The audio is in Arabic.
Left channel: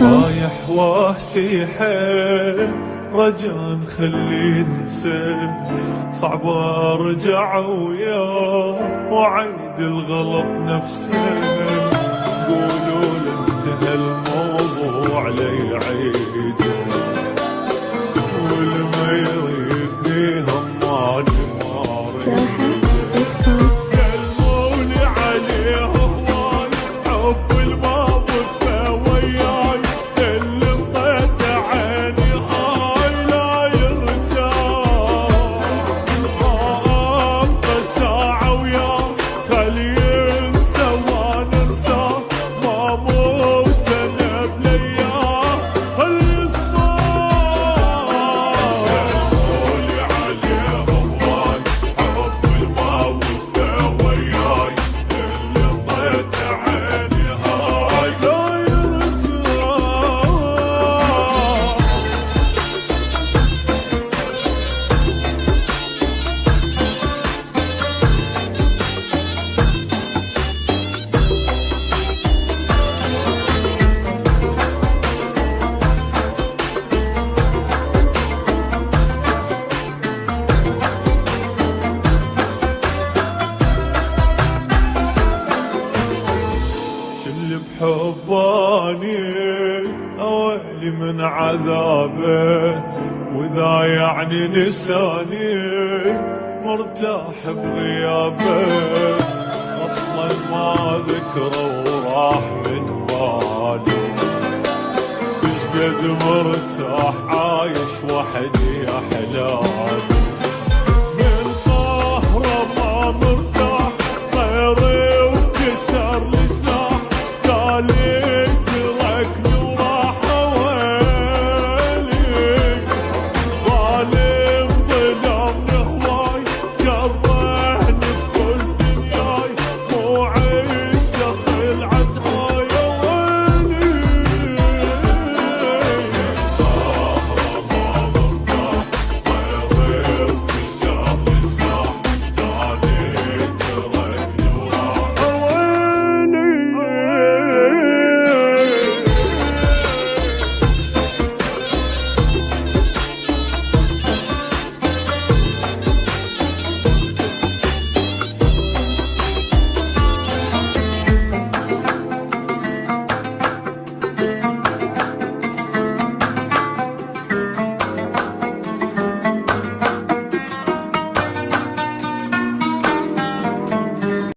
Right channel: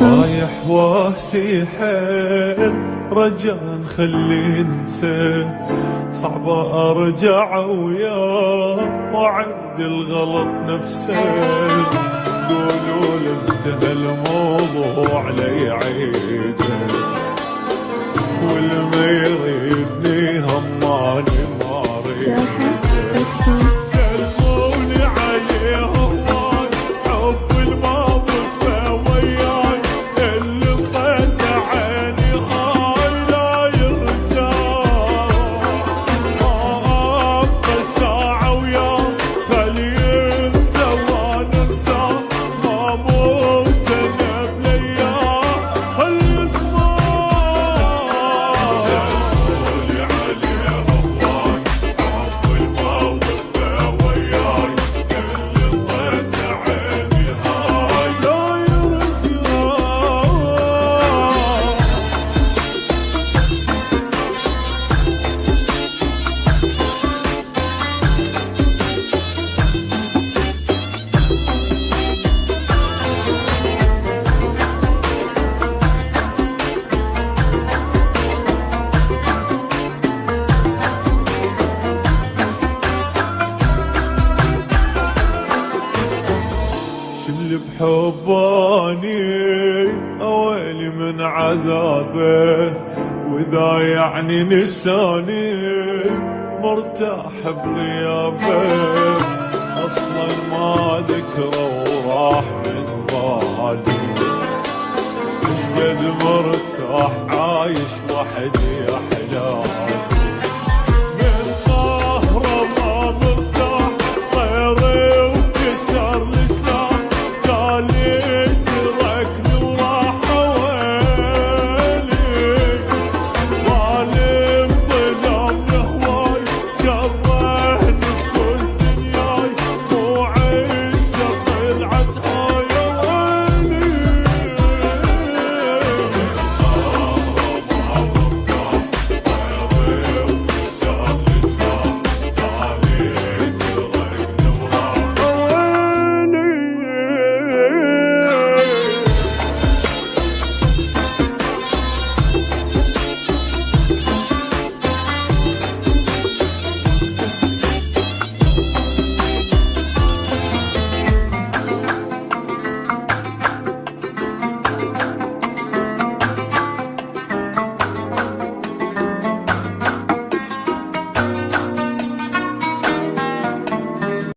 رايح واسي حيل رجاء خلي ننسى، صعب ارجع وياه واعيد الغلط نفسه. قولوا له انتهى الموضوع ليعيده، والما يريدني هماجي ما اريده. سلموني عليه هواي حب الماضي وياي، اللي انطيت عيني هاي لا يرجع. ما ابقى ساعة وياه خلي ينسى وانا انساه، ما موت انا بلياه خلي يسمع. سلموني عليه هواي حب الماضي وياي، اللي انطيت عيني هاي لا يرجع. اللي بحباني اويلي من عذابه، واذا يعني نساني مرتاح بغيابه. اصلا ما ذكره وراح من بالي، قد مرتاح عايش وحدي احلامي. من قهره ما مرتاح طيري وكسر لي